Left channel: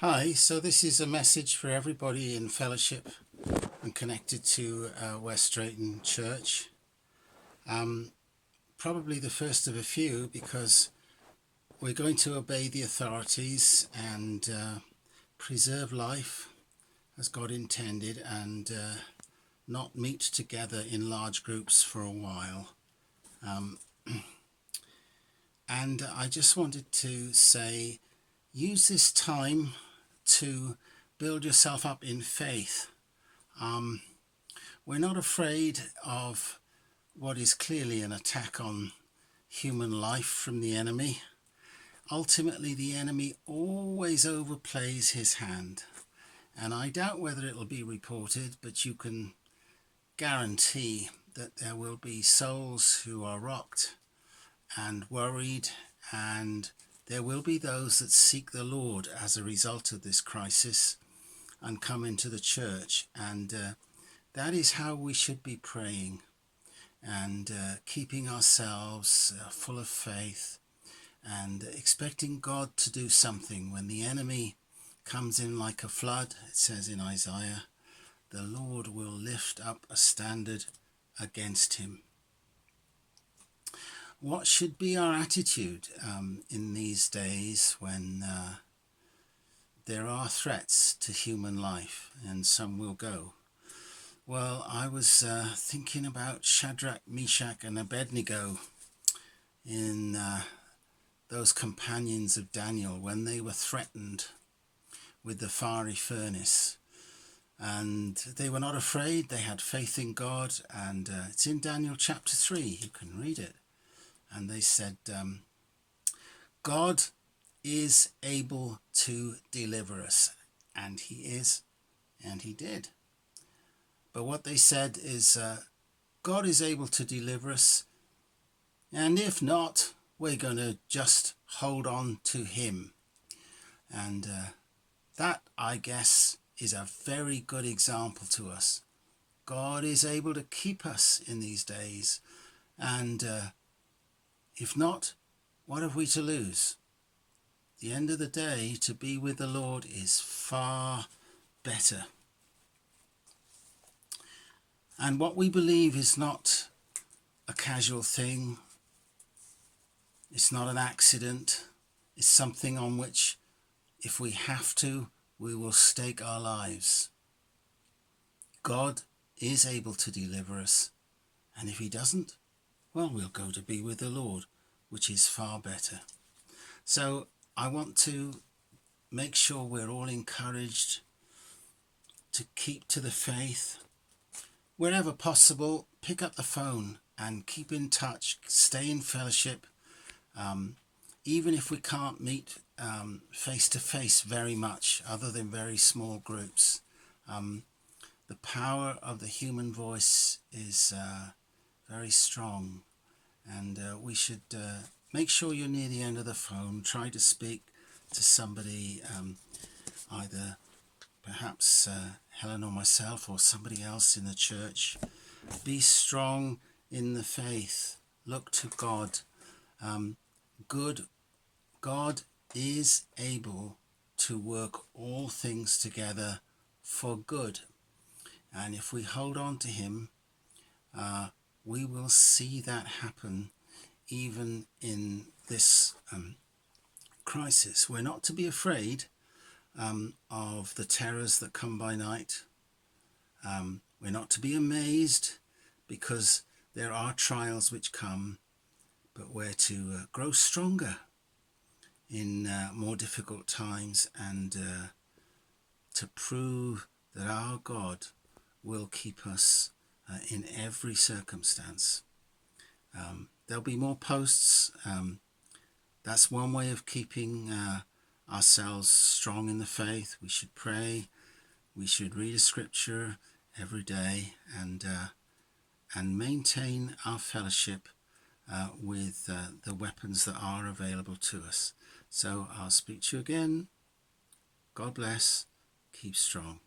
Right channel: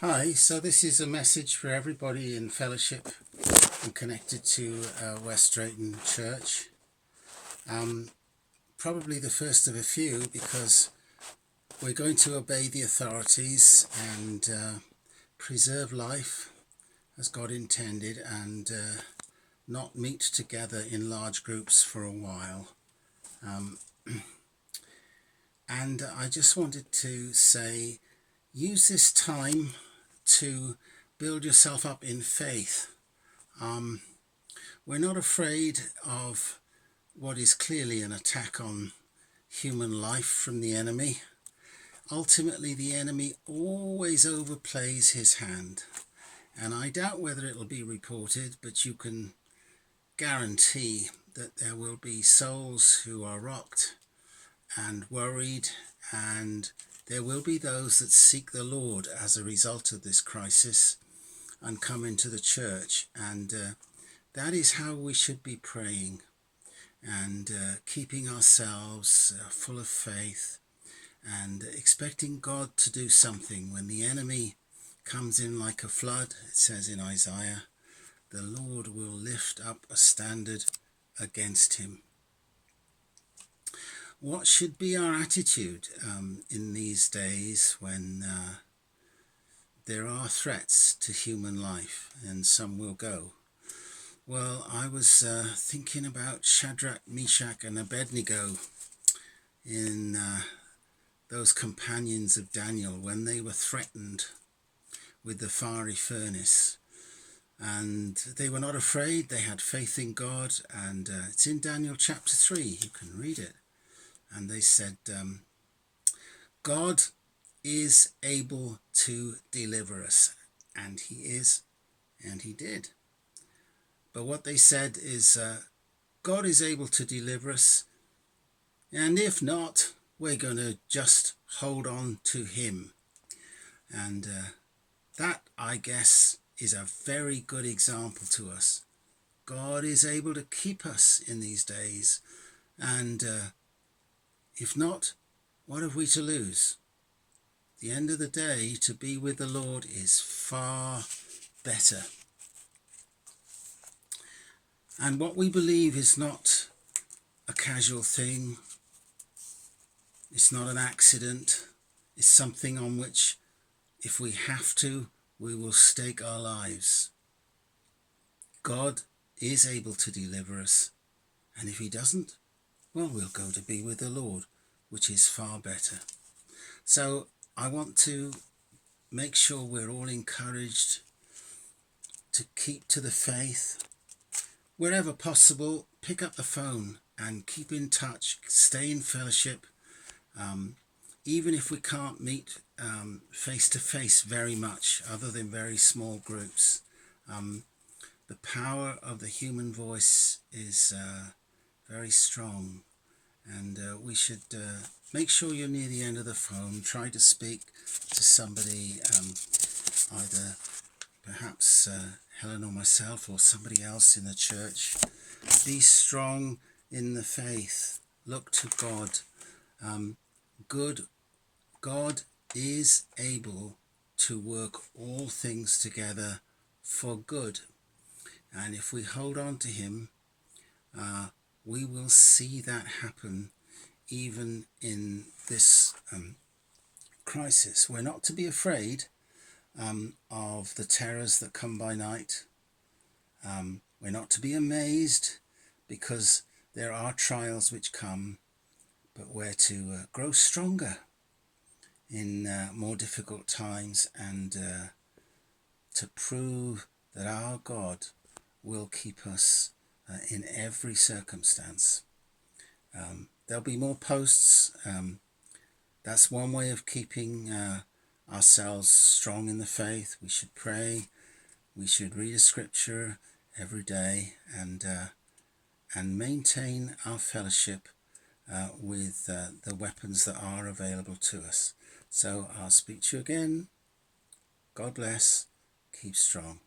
Hi, so this is a message for everybody in fellowship and connected to West Drayton Church. Probably the first of a few, because we're going to obey the authorities and preserve life as God intended, and not meet together in large groups for a while. And I just wanted to say, use this time to build yourself up in faith. We're not afraid of what is clearly an attack on human life from the enemy. Ultimately, the enemy always overplays his hand, and I doubt whether it'll be reported, but you can guarantee that there will be souls who are rocked and worried, and there will be those that seek the Lord as a result of this crisis and come into the church, and that is how we should be praying and keeping ourselves full of faith and expecting God to do something. When the enemy comes in like a flood, it says in Isaiah, the Lord will lift up a standard against him. What should be our attitude in these days when there are threats to human life, and some will go? Well, I was thinking about Shadrach, Meshach and Abednego in those companions of Daniel when they were threatened with the fiery furnace. And they were not afraid. They had faith in God. And it's in Daniel chapter 3. You can read it. And they said, God is able to deliver us. And he is. And he did. But what they said is, God is able to deliver us. And if not, we're going to just hold on to him. And that, I guess, is a very good example to us. God is able to keep us in these days. And if not, what have we to lose? At the end of the day, to be with the Lord is far better. And what we believe is not a casual thing. It's not an accident. It's something on which, if we have to, we will stake our lives. God is able to deliver us. And if he doesn't, well, we'll go to be with the Lord, which is far better. So I want to make sure we're all encouraged to keep to the faith. Wherever possible, pick up the phone and keep in touch, stay in fellowship. Even if we can't meet face to face very much, other than very small groups, the power of the human voice is very strong, and we should make sure you're near the end of the phone. Try to speak to somebody, either perhaps Helen or myself or somebody else in the church. Be strong in the faith. Look to God. God is able to work all things together for good. And if we hold on to him, we will see that happen even in this crisis. We're not to be afraid of the terrors that come by night. We're not to be amazed because there are trials which come, but we're to grow stronger in more difficult times, and to prove that our God will keep us in every circumstance. There'll be more posts. That's one way of keeping ourselves strong in the faith. We should pray. We should read a scripture every day, and maintain our fellowship with the weapons that are available to us. So I'll speak to you again. God bless. Keep strong.